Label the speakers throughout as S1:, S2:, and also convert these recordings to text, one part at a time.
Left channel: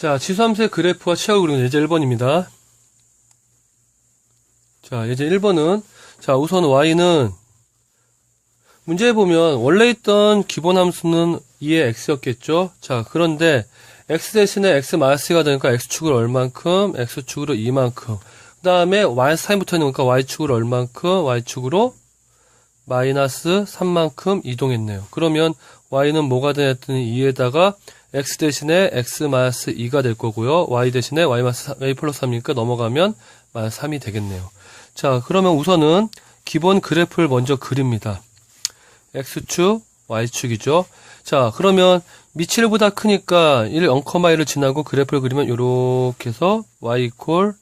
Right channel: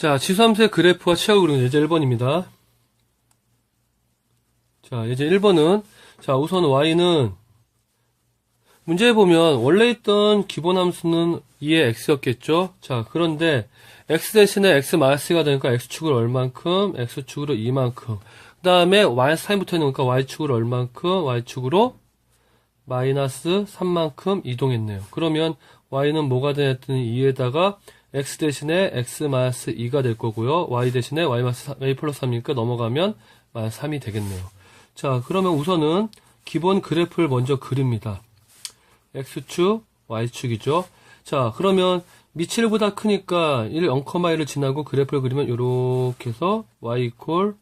S1: 자, 지수함수의 그래프와 치하고 그리는 예제 1번입니다. 자, 예제 1번은, 자, 우선 y는, 문제에 보면, 원래 있던 기본 함수는 2의 x였겠죠? 자, 그런데, x 대신에 x 마이너스가 되니까 x축으로 얼만큼, x축으로 2만큼. 그 다음에 마이너스 3이 붙어 있으니까 y축으로 얼만큼, y축으로 마이너스 3만큼 이동했네요. 그러면 y는 뭐가 되었더니 2에다가 x 대신에 x 마이너스 2가 될 거고요. y 대신에 y 마이너스 y 플러스 3이니까 넘어가면 마이너스 3이 되겠네요. 자, 그러면 우선은 기본 그래프를 먼저 그립니다. x축, y축이죠. 자, 그러면 미치를보다 크니까 1, 0,1을 지나고 그래프를 그리면 이렇게 해서 y 이퀄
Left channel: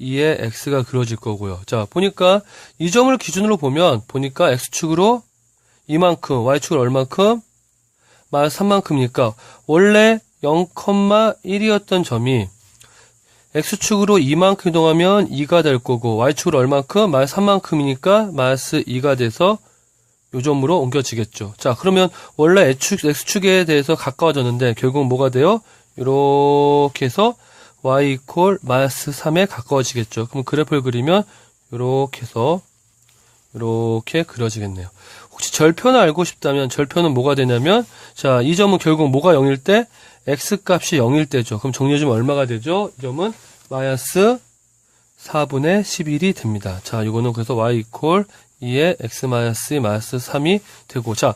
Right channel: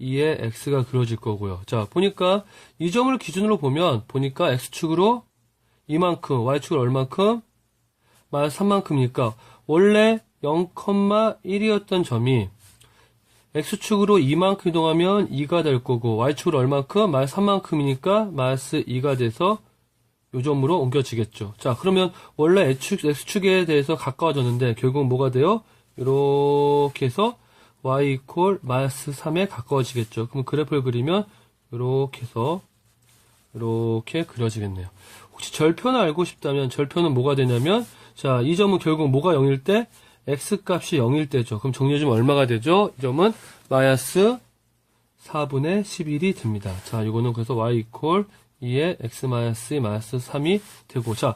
S1: 2의 x가 그려질 거고요. 자, 보니까 이 점을 기준으로 보면 보니까 x축으로 이만큼, y축으로 얼만큼? 마이너스 3만큼이니까 원래 0,1이었던 점이 x축으로 2만큼 이동하면 2가 될 거고 y축으로 얼만큼? 마이너스 3만큼이니까 마이너스 2가 돼서 요 점으로 옮겨지겠죠. 자, 그러면 원래 x축, x축에 대해서 가까워졌는데 결국 뭐가 돼요? 이렇게 해서 y 이퀄 마이너스 3에 가까워지겠죠. 그럼 그래프를 그리면 이렇게 해서 이렇게 그려지겠네요. 혹시 절표는 알고 싶다면 절표는 뭐가 되냐면 자, 이 점은 결국 뭐가 0일 때 x 값이 0일 때죠. 그럼 정리해 주면 얼마가 되죠? 이 점은 마이너스 4분의 11이 됩니다. 자, 이거는 그래서 y 이퀄 2의 x 마이너스 마이너스 3이 되고 자,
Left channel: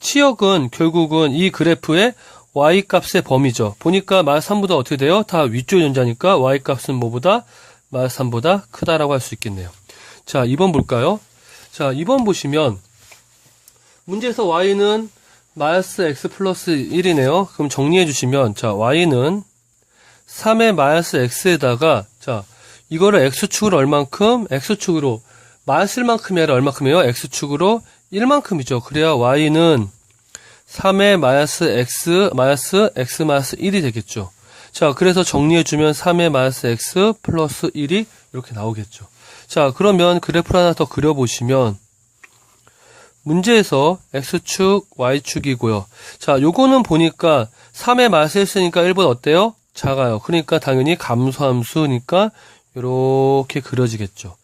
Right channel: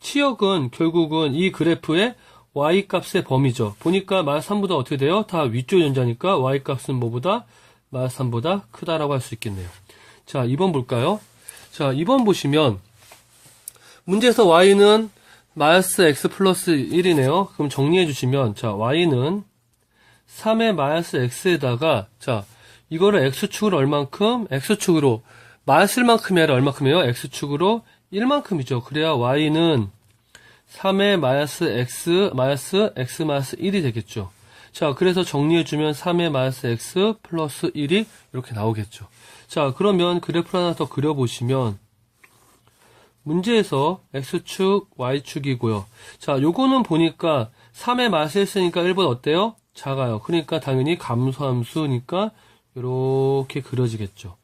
S1: 치역은 결국은 이 그래프의 y 값의 범위죠. 보니까 마이너스 3보다 어떻게 돼요? 다 위쪽 연자니까 y 값은 뭐보다 마이너스 3보다 크다라고 할 수 있겠네요. 자, 2번 볼까요? 자, 2번 보시면 문제에서 y는 마이너스 x 플러스 1이네요. 그럼 정리해 주시면 자, y는 3의 마이너스 x에다가 자, 이거를 x축으로 얼만큼? x축으로 마이너스 1만큼이 아니라 얼만큼이에요? x축으로 1만큼이죠. 그래야 y는 3의 마이너스 x 마이너스 x 마이너스 1이 되겠죠. 자, 그래서 정리해주면 3의 마이너스 x 플러스 1이 이렇게 나오겠죠. 자, 그러면 그래프를 하나 더 그려보시면 문제에서 x축, y축이고요. 자, 요거는 보니까 3의 마이너스 1쓰니까 1보다 어때요? 작아요. 그러니까 당연히 감소함수니까 이렇게 그려지겠죠.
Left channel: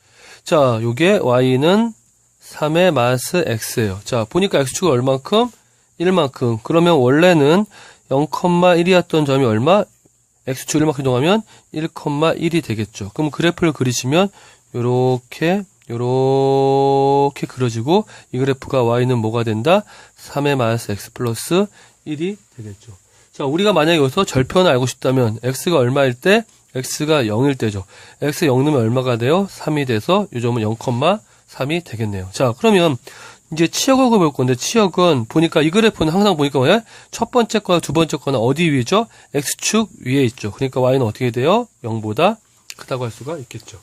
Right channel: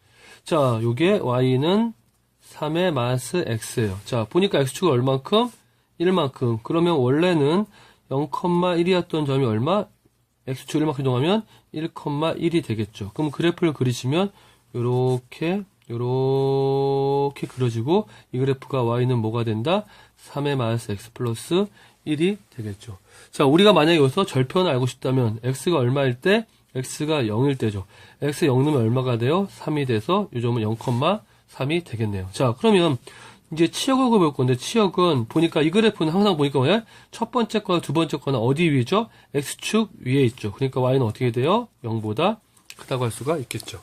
S1: 자, 요게 y는 3의 마이너스 x예요. 자, 보니까 x축은 얼만큼? 1만큼. 그러면 원래는 0,1이었던 점이 얼마? x축 1만큼 이동하면 1,1이 되겠죠. 그럼 그래프를 그리시면 요렇게 요렇게 그려지고 이 그래프가 y는 뭐가 된다? 3의 마이너스 x 플러스 1이 되겠죠. 자, 우리가 만약에 여기서 절편을 알고 싶다면 x가 얼마일 때? x가 0일 때죠. x 0 넣으면 얼마가 돼요? 3이 돼서 이 점은 0,3이 되겠네요. 자, 그러면 이제 치역을 볼 건데 치역은 보니까 이 그래프는 항상 보니까 뭐야? 첫 번째 거나 두 번째 거나 어디 위죠? x축 위에 있죠. 그러니까 y는 어떻게 돼요? 0보다 크다고 할 수가 있겠죠.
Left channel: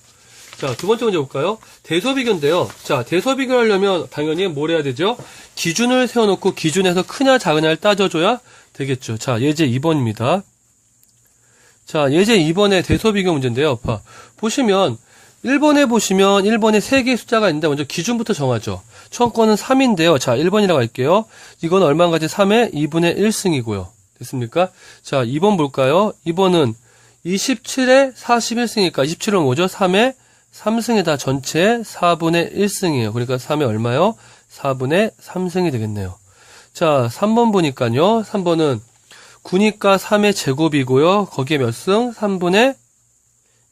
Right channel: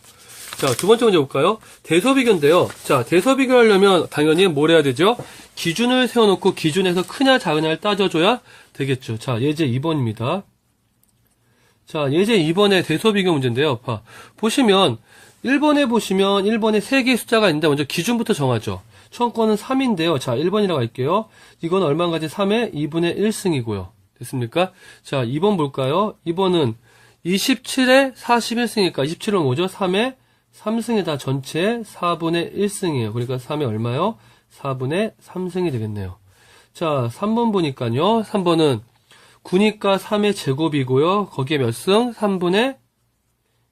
S1: 자, 두 번째 문제 볼까요? 대소비교인데요. 자, 대소비교 하려면 당연히 뭘 해야 되죠? 기준을 세워놓고 기준에서 크냐 작으냐를 따져줘야 되겠죠. 자, 예제 2번입니다. 자, 예제 2번의 대소비교 문제인데요. 봐. 보시면 1번에 보시면 1번에 3개의 숫자가 있는데 먼저 기준부터 정하죠. 거는 3인데요. 자, 1번이라고 할게요. 이건 얼마인가지? 3의 2분의 1승이고요. 됐습니까? 자, 2번 볼까요? 2번은 27에 41승이니까 27은 뭐죠? 3의 3승에다 전체 4분의 1승이에요. 그러니까 3이 얼마요? 4분의 3승이 되겠네요. 자, 3번 보니까요. 3번은 9니까 3의 제곱이고요. 거기에 몇 승? 3분의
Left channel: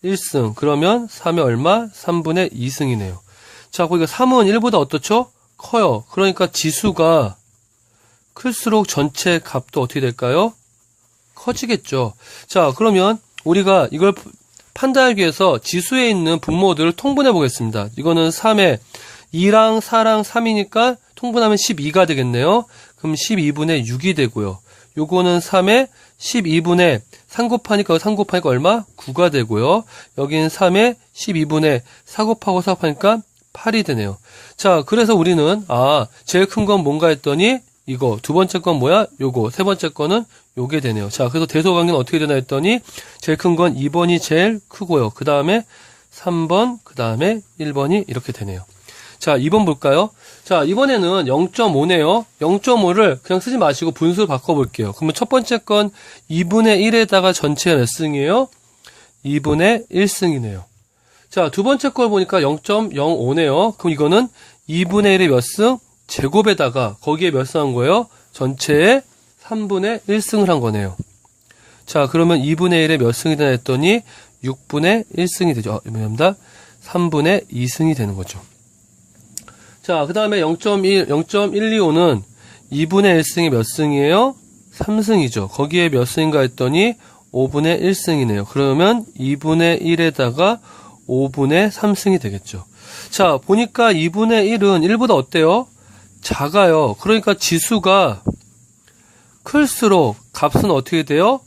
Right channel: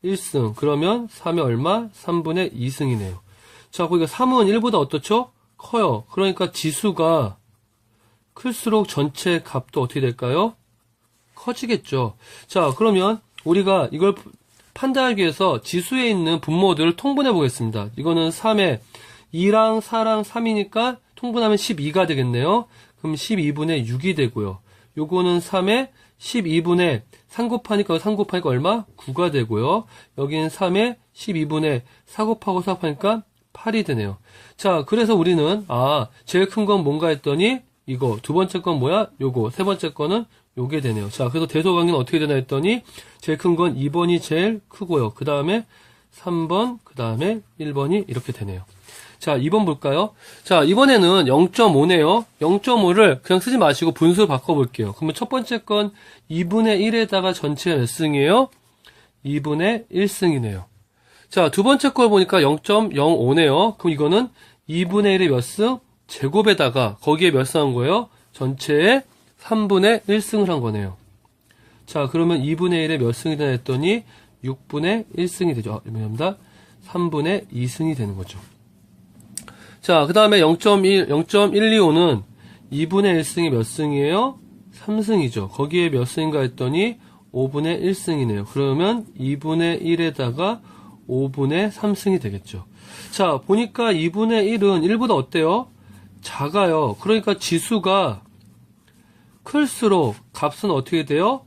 S1: 1승. 그러면 3의 얼마? 3분의 2승이네요. 자, 거기가 3은 1보다 어떻죠? 커요. 그러니까 지수가 클수록 전체 값도 어떻게 될까요? 커지겠죠. 자, 그러면 우리가 이걸 판단하기 위해서 지수에 있는 분모들을 통분해 보겠습니다. 이거는 3에 2랑 4랑 3이니까 통분하면 12가 되겠네요. 그럼 12분의 6이 되고요. 요거는 3에 12분의 3 곱하니까 3 곱하니까 얼마? 9가 되고요. 여기는 3에 12분의 4 곱하고 4 곱하니까 8이 되네요. 자, 그래서 우리는 아, 제일 큰 건 뭔가 했더니 이거 두 번째 건 뭐야? 요거 세 번째 거는 요게 되네요. 자, 그래서 대소관계는 어떻게 되나 했더니 제일 큰 건 2번이 제일 크고요. 그 다음에 3번, 그 다음에 1번이 이렇게 되네요. 자, 2번 볼까요? 자, 이번에는 0.5네요. 0.5를 그냥 쓰지 마시고 분수 바꿔볼게요. 그러면 첫 번째 건 2분의 1에다가 전체가 몇 승이에요? 2분의 1승이네요. 자, 두 번째 걸 보니까 0.05네요. 그럼 이거는 2분의 1의 몇 승? 제곱에다가 거기에 몇 승한 거예요? 전체의 3분의 1승을 한 거네요. 자, 그러면 2분의 1의 몇 승이 되나 했더니 6분의 1승이 되죠. 아, 미안합니다. 3분의 2승이 되는 거죠. 자, 그 다음에 0.1, 0.125는 2분의 1승이 몇 승이에요? 3승이죠. 거기에 몇 승인가 했더니 5분의 1승이네요. 그러면 2분의 1에다가 5분의 3승이 되겠죠. 자, 보니까 2분의 1은 1보다 어때요? 작아요. 그러니까 지수가 클수록 값은 어떻게 돼요?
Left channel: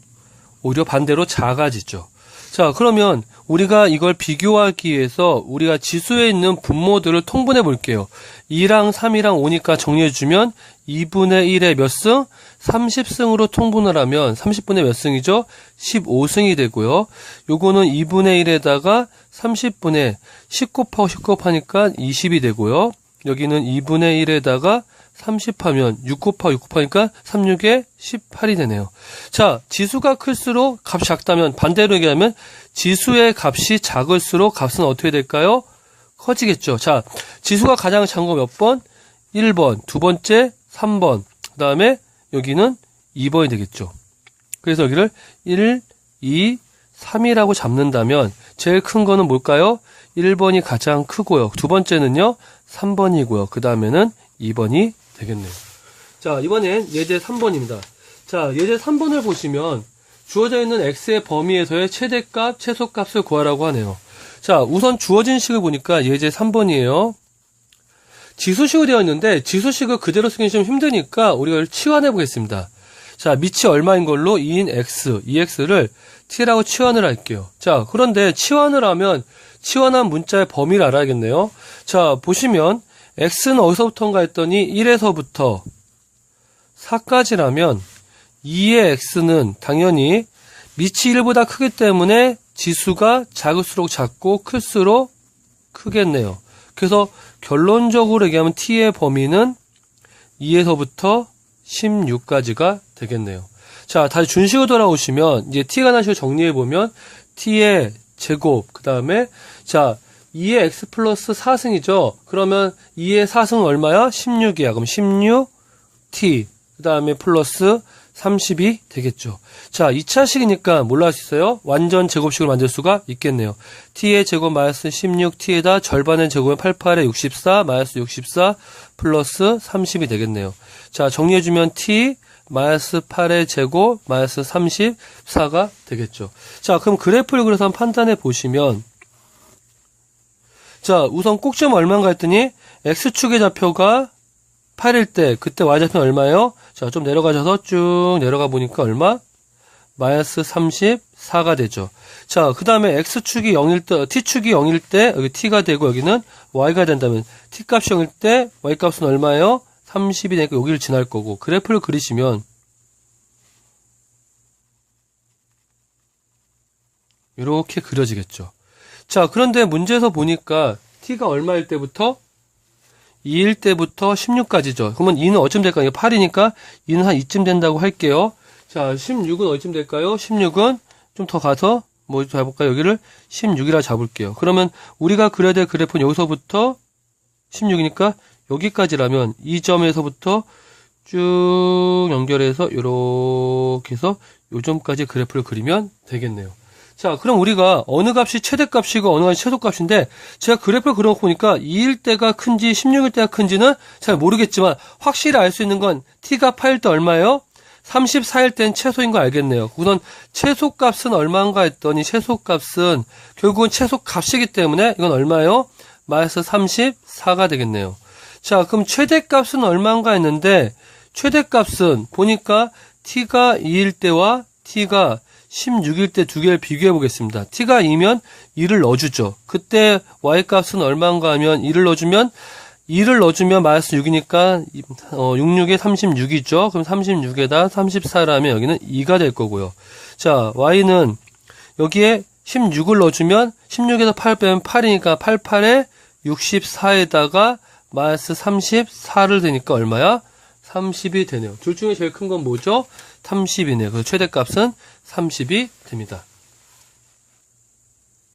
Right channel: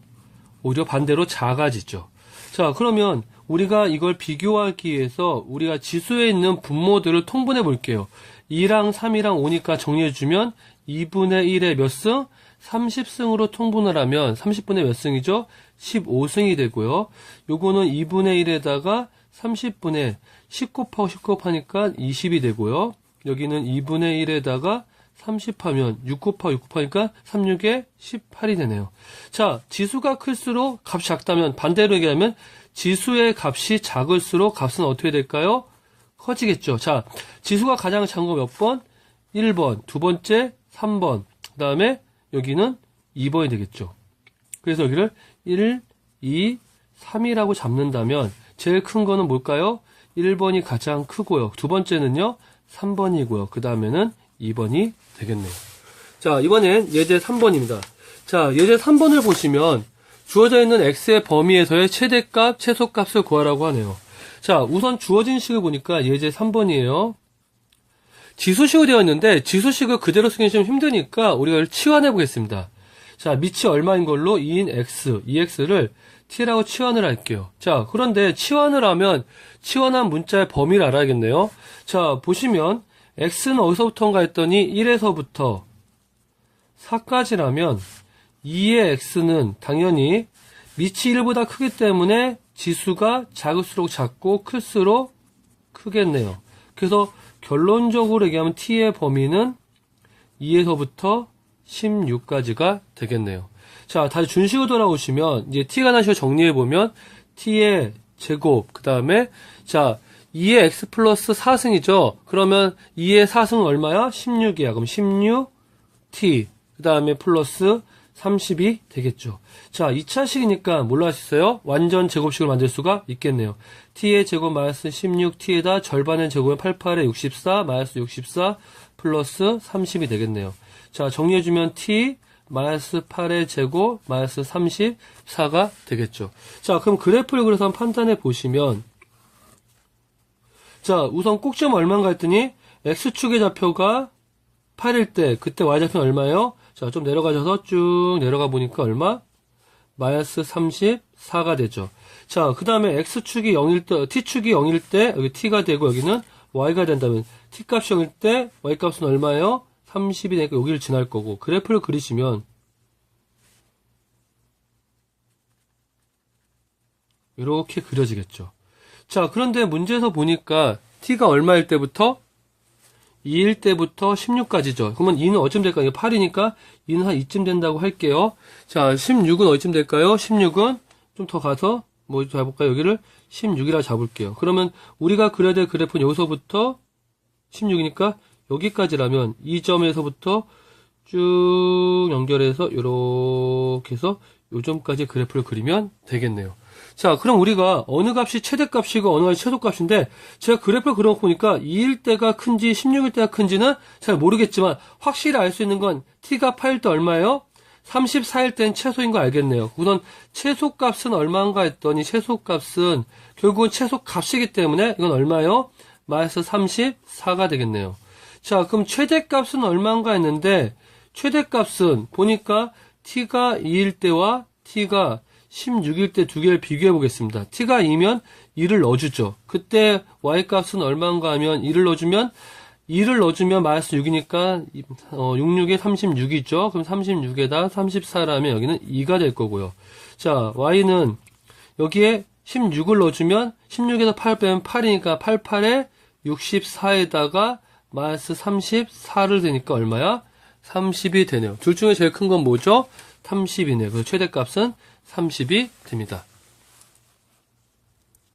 S1: 오히려 반대로 작아지죠. 자, 그러면 우리가 이걸 비교하기 위해서 우리가 지수에 있는 분모들을 통분해 볼게요. 2랑 3이랑 5니까 정리해주면 2분의 1의 몇 승? 30승으로 통분을 하면 30분의 몇 승이죠? 15승이 되고요. 요거는 2분의 1에다가 30분의 10 곱하고 10 곱하니까 20이 되고요. 여기는 2분의 1에다가 30하면 6 곱하고 6 곱하니까 36에 18이 되네요. 자, 지수가 클수록 값이 작다면 반대로 얘기하면 지수의 값이 작을수록 값은 어떻게 될까요? 커지겠죠. 자, 지수가 가장 작은 거 몇 번? 1번, 두 번째 3번, 그 다음에 여기는 2번이 되겠죠. 그래서 여기를 1, 2, 3이라고 잡는다면 제일 큰 거는 뭘까요? 1번이 가장 크고요. 두 번째는요, 3번이고요. 그 다음에는 2번이 되겠네요. 자, 이번엔 예제 3번입니다. 자, 예제 3번을 보시면 주어져 있는 x의 범위에서의 최대값, 최소값을 구하라고 하네요. 자, 우선 주어진 식을 보니까 예제 3번이에요. 지수식으로 되어 있는데 지수식을 그대로 쓰기 좀 힘드니까 우리가 치환해 보겠습니다. 자, 밑이 얼마인 걸로 2인 x, 2x를 t라고 치환을 할게요. 자, 그런데 치환을 하면 치환한 문자의 범위를 알아야겠네요. 자, 보시면 x는 어디서부터인가 했더니 1에서부터 4까지라면 2의 x는 당연히 밑이 1보다 크기 때문에 지수가 작을수록 작고 클수록 크겠네요. 그래서 결론적으로 얘기하면 t의 범위는 2에서부터 16까지가 되겠네요. 자, 다시 준식으로 돌아오시면 이제 t가 다시 정리해 보면 t의 제곱 그 다음에 자 2의 x 플러스 4승이죠. 그러면 2의 4승은 얼마야? 16이야. 그럼 16t 그 다음에 플러스 30이 되겠죠. 자, 2차식이니까 뭘로 할수 있어요? 완전 제곱식을 만들 수가 있겠네요. t의 제곱 마이너스 16t에다 절반의 제곱은 88에 64 마이너스 64 플러스 30이 되겠네요. 자, 정리해주면 t 마이너스 8의 제곱 마이너스 34가 되겠죠. 자, 그럼 그래프를 그래서 한번 판단해 보시면 자, 우선 꼭지점 얼마인가 했더니 x축의 좌표가 8일 때 그때 y좌표는 얼마예요? 자, 좀 내려가셔서 쭉 내려가 보니까 얼마? 마이너스 34가 되죠. 자, 그 다음에 x축이 0일 때, t축이 0일 때 여기 t가 되고 여기는 y가 된다면 t값이 0일 때 y값은 얼마예요? 30이 되니까 여기를 지날 거고 그래프를 그리시면 이렇게 그려지겠죠. 자, 그런데 문제에서 보니까 t가 얼마일 때부터 2일 때부터 16까지죠. 그러면 2는 어쯤 될까요? 8이니까 2는 한 이쯤 된다고 할게요. 자, 16은 어쯤 될까요? 16은 좀 더 가서 뭐 잡을까요? 여기를 16이라 잡을게요. 그러면 우리가 그려야 될 그래프는 여기서부터 16이니까 여기까지라면 이 점에서부터 쭉 연결해서 이렇게 해서 요 점까지 그래프를 그리면 되겠네요. 자, 그럼 우리가 어느 값이 최대값이고 어느 값이 최소값인데 제가 그래프를 그려놓고 보니까 2일 때가 큰지 16일 때가 큰지는 잘 모르겠지만 확실히 알 수 있는 건 t가 8일 때 얼마예요? 34일 땐 최소인 거 알겠네요. 우선 최소값은 얼마인가 했더니 최소값은 결국은 최소값이기 때문에 이건 얼마예요? 마이너스 34가 되겠네요. 자, 그럼 최대값은 얼마인가 했는데 최대값은 보니까 t가 2일 때와 t가 16일 때 두 개를 비교해 보겠습니다. t가 2면 2를 넣어주죠. 그때 y값은 얼마인가 하면 2를 넣어주면 2를 넣어주면 마이너스 6이니까 어, 66에 36이죠. 그럼 36에다 34라면 여기는 2가 될 거고요. 자, y는 여기에 16을 넣어주면 16에서 8 빼면 8이니까 88에 64에다가 마이너스 34를 되니까 얼마야? 30이 되네요. 둘 중에 제일 큰 건 뭐죠? 30이네요. 그래서 최대값은 30이 됩니다.